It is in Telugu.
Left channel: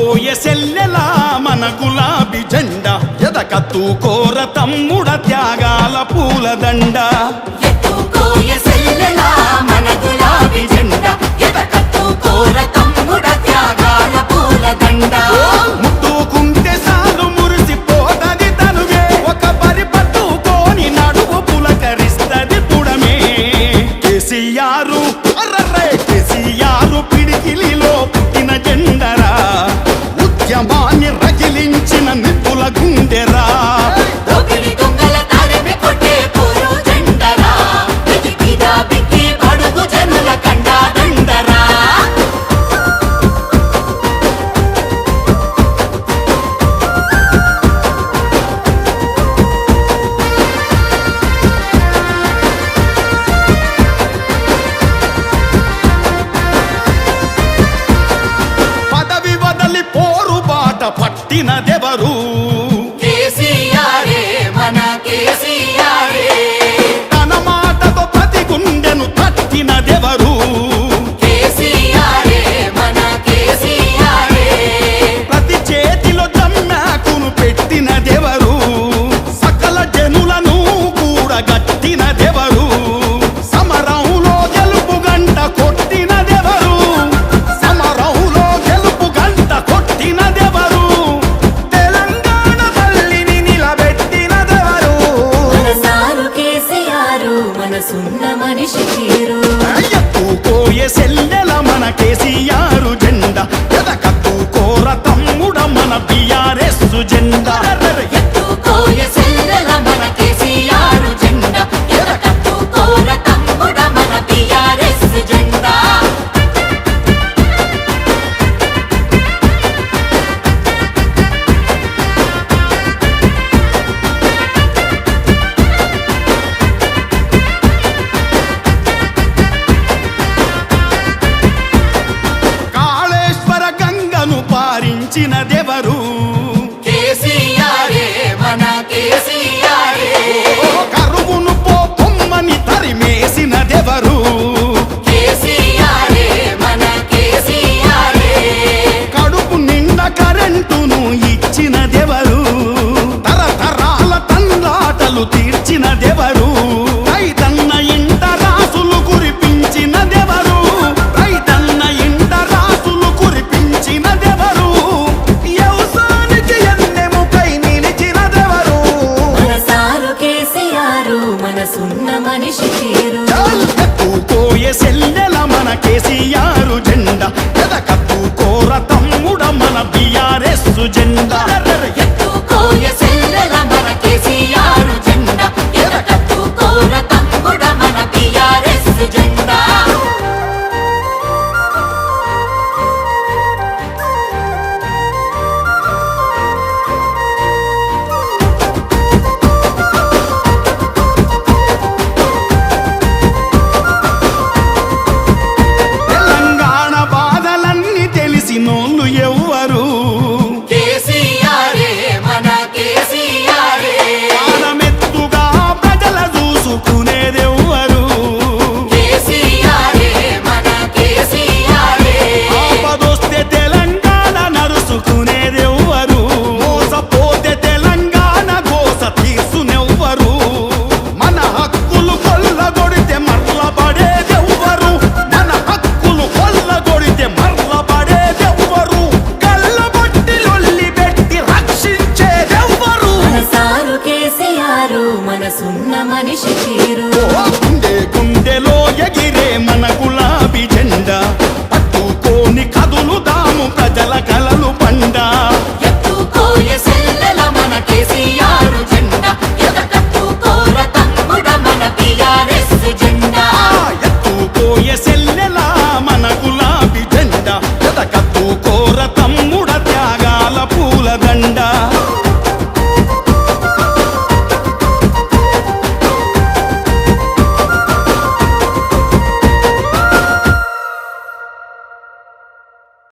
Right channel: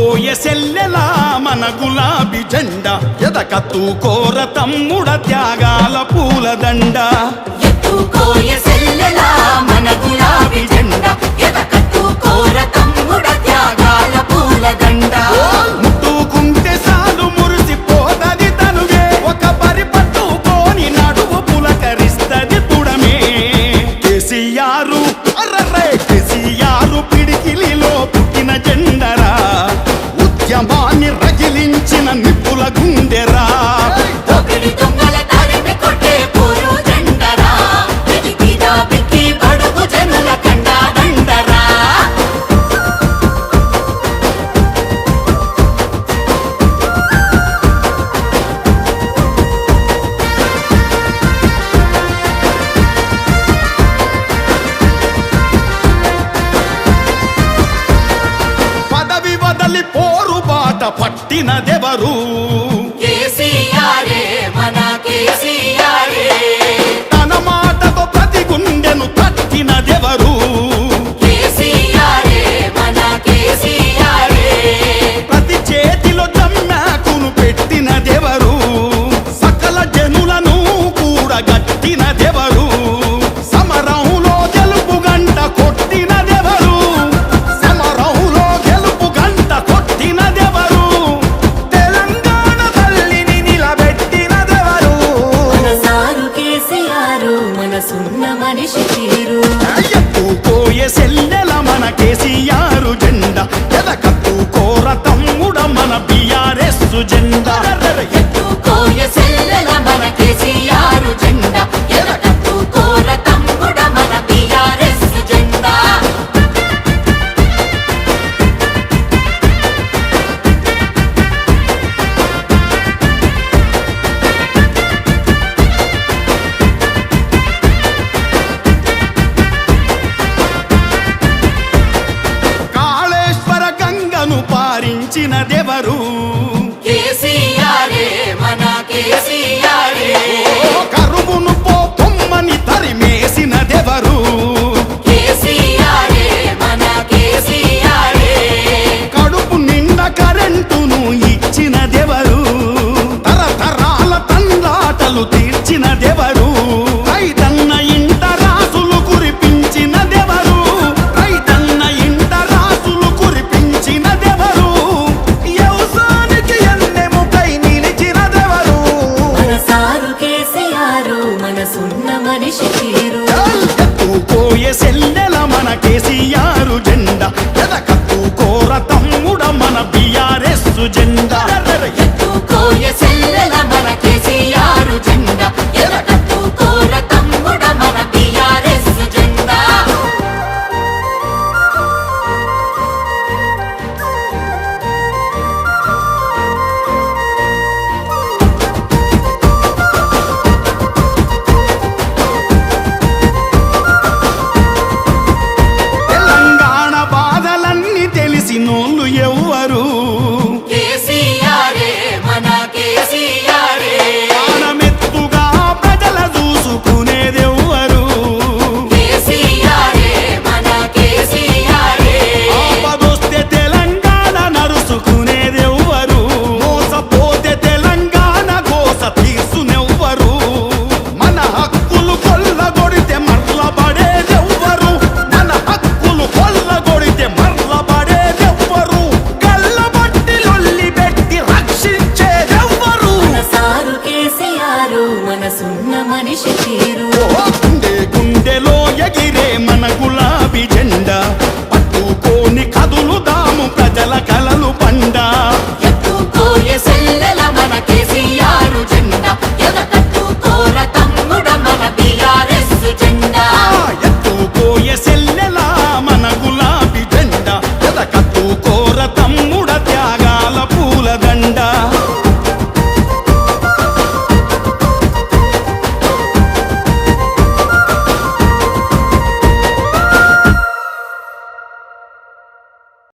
ఎత్తుకోయ సెల్లెలా మన గులాబీ జెండా ఎదకత్తుకోర తమ్ముడ త్యాగాల పూలదండ ఎత్తుకోయ సెల్లెలా మన గులాబీ జెండా ఎదకత్తుకోర తమ్ముడ త్యాగాల పూలదండ ముట్టుకుంటే సాలు మురిసిపోతది తనువే ఒక బరి పట్టుకోని నడువు పులకరిస్తది పుడమే కేసీఆర్ అర్రర్రే కేసీఆర్ పిడికిలిలో పుట్టిన జెండరా ఉద్యమాన్ని రగిలించిన నిప్పుల గుండెరా ఒకిడి దొంగల తరిమి కొట్టే పోరు జెండరా ఇది బిగా బిక్కి బడుగు జనుల కండా దండరా వదలి పోరు బాట పట్టినదెవరు తన మాటతో ప్రతి గుండెను తట్టినదెవరు ప్రతి చేతిలో జమ్మాకును పెట్టినదెవరు సకల జనులను కూడగట్టినదెవరు సమరంలో గెలుపు గంట కొట్టినదెవరు సమరంలో కొట్టినదెవరు తెలంగాణ తల్లిని నిలబెట్టినదెవరు మనసారు కేసీఆర్ మనసున్న మనిషి తీరు ఎత్తుకోయ సెల్లెల మన కేసీఆర్ జెండా ఎదకత్తుకోర తమ్ముడ మన బీఆర్ఎస్ జెండా ఎత్తుకోయ సెల్లెల మన కేసీఆర్ జెండా ఎదకత్తుకోర తమ్ముడ మన బీఆర్ఎస్ జెండా పారించినదెవరు కరువును పొమ్మని తరిమేసినదెవరు కడుపు నిండా కరెంటును ఇచ్చినదెవరు తరతరాల తండ్రాటలు తీర్చినదెవరు రైతన్న ఇంట రాసులు కురిపించినదెవరు రైతన్న ఇంట రాసులు కురిపించినదెవరు వ్యవసాయానికి ఎన్నెముకై నిలిచినదెవరు మనసారు కేసీఆర్ మనసున్న మనిషి తీరు ఎత్తుకోయ సెల్లెల మన కేసీఆర్ జెండా ఎదకత్తుకోర తమ్ముడ మన బీఆర్ఎస్ జెండా ఎత్తుకోయ సెల్లెల మన కేసీఆర్ జెండా ఎదకత్తుకోర తమ్ముడ మన బీఆర్ఎస్ జెండా తెలిసినోళ్ళు ఎవ్వరు పానమెత్తుగా ప్రజల చూసుకునేదెవ్వరు ఆపదొస్తే తెలంగాణ నరుసుకునేదెవ్వరు మోసపోతే తెలంగాణ గోస తీర్చునెవ్వరు మన హక్కులు కొల్లగొడితే మర్లబడేదెవ్వరు మన హక్కులు కొల్లగొడితే మర్లబడేదెవ్వరు గల్లబట్టి లొల్లి పెట్టి రక్షించేదెవ్వరు మనసారు కేసీఆర్ మనసున్న మనిషి తీరు గుండె గుండెలో ఎగిరే మన గులాబీ జెండా పట్టుకోని కదులుదాము ప్రజల కలలు పండా ఎత్తుకోయ సెల్లెల మన కేసీఆర్ జెండా ఎదకత్తుకోర తమ్ముడ మన బీఆర్ఎస్ జెండా ఎత్తుకోయ సెల్లెల మన గులాబీ జెండా ఎదకత్తుకోర తమ్ముడ త్యాగాల పూలదండ